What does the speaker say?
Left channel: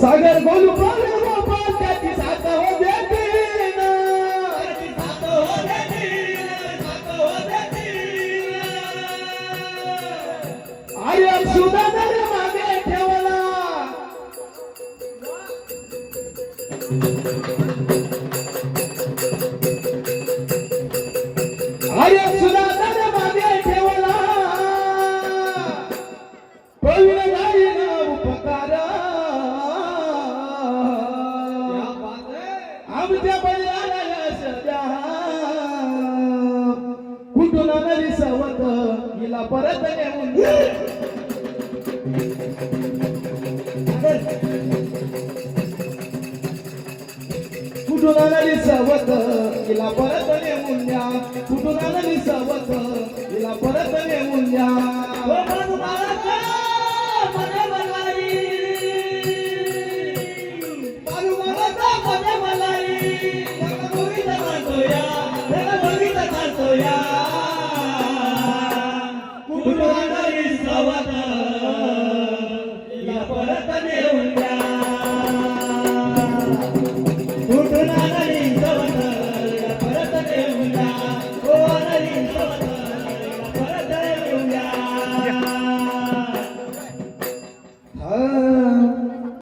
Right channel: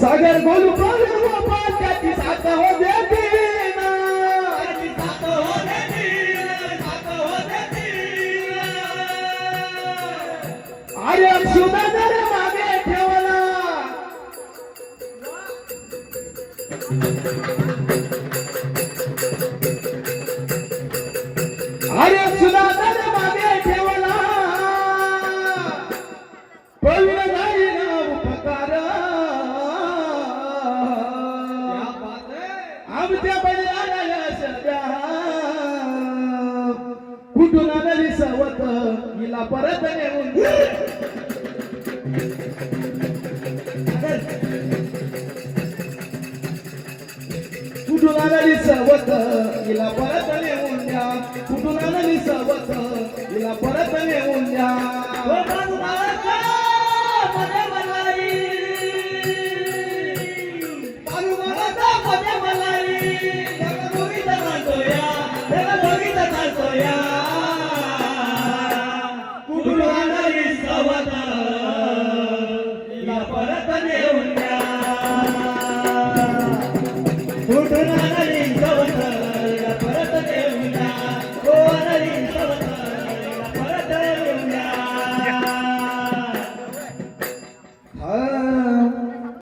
सागर गोलू बोलू पण हो, त्याची साथ हो देते अरे मागे ठेवला. अरे सुधाकर आमच्या बैलाला यश द्या कुठून आली सवत? हिला परत नेऊन द्या. कुठून आली सवत? हिला परत Yeah.